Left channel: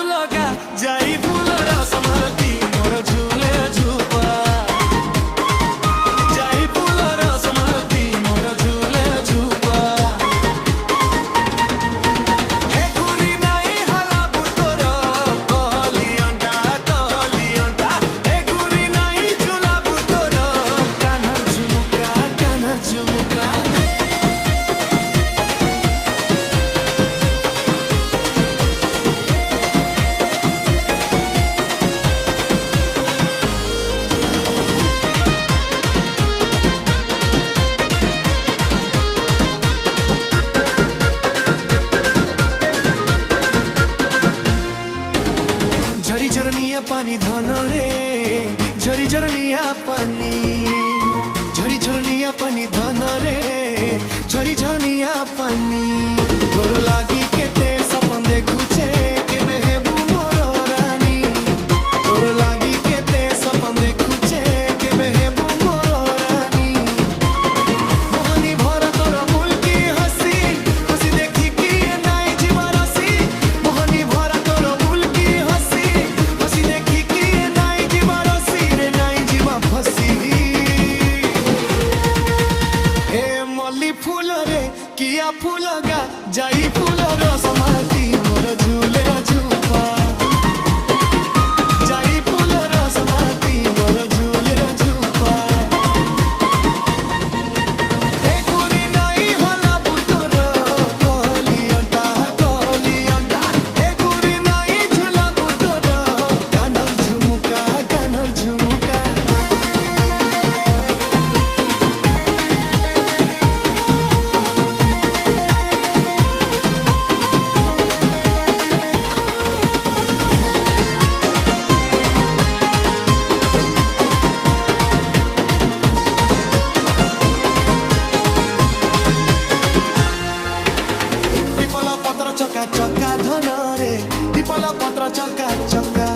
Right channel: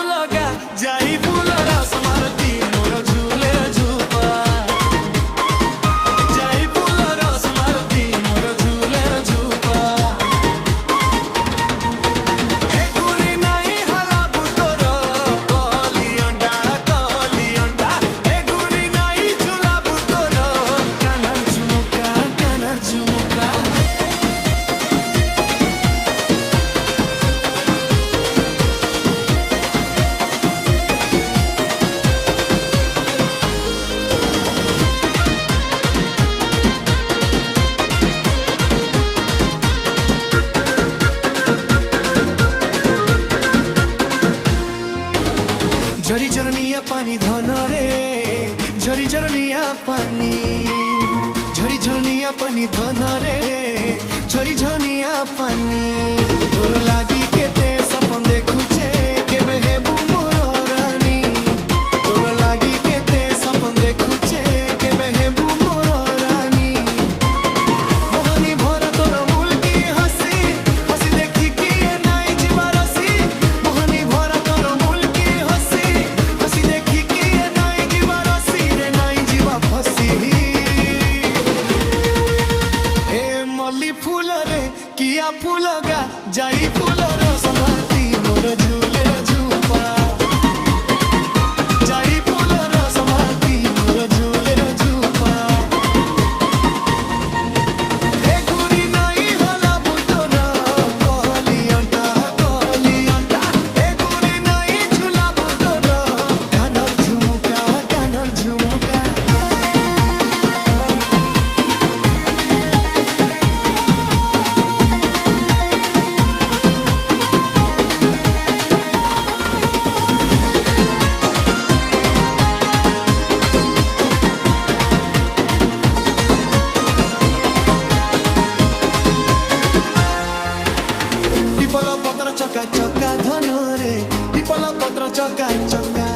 ଫୁଲଗା ଯାଇ ଫୁଲର ସମାରତି ମୋର ଝୁଲେ ଝୁପା ଯାଇ ଫୁଲର ସମାରତି ମୋର ଝୁଲେ ଝୁପା ଏ ଗୁରି ନାଇଁ ହଲା ବୁତର କଲିଅଣ୍ଟା ଏ ଗୁରି ନାଇଁ ଝୁଲା ବୁତର କାନର ଝୁମୁକା झरी झरनिया पानी धन रे झरी झरनिया पानी झरी झरनिया पानी धन रे झरी झरनिया पानी तोर लागी केते सपन देखुचे केबे हेबू मोर रानी तोर लागी केते सपन देखुचे केबे हेबू मोर रानी मोहनी भरा तोर मुल्की हसी हसी देखी कि नाई जीवा रसी मोहनी भरा तोर मुल्की हसी हसी देखी कि नाई जीवा रसी रे नाई जीवा फसी ए मल्ली फूल रे किया फूल गा जाई फूल रो समाती मोर झूले झूपा जाई फूल रो समाती मोर झूले झूपा ए गुरी नाई होला बुतोर कलियंटा ए गुरी नाई झूला बुतोर कानर झुमुका पिपल पत्र चका चका धन रे पिपल पत्र चका चका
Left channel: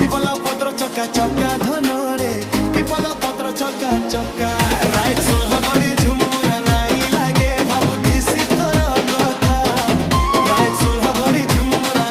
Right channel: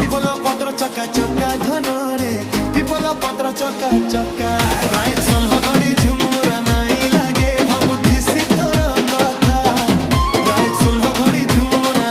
पिपल पत्र चका चका धन रे पिपल पत्र चका चका राइट सोल्ह गड़ी झुमुरा नाई लागे भाबुथिसी तोर कथा राइट सोल्ह गड़ी झुमुरा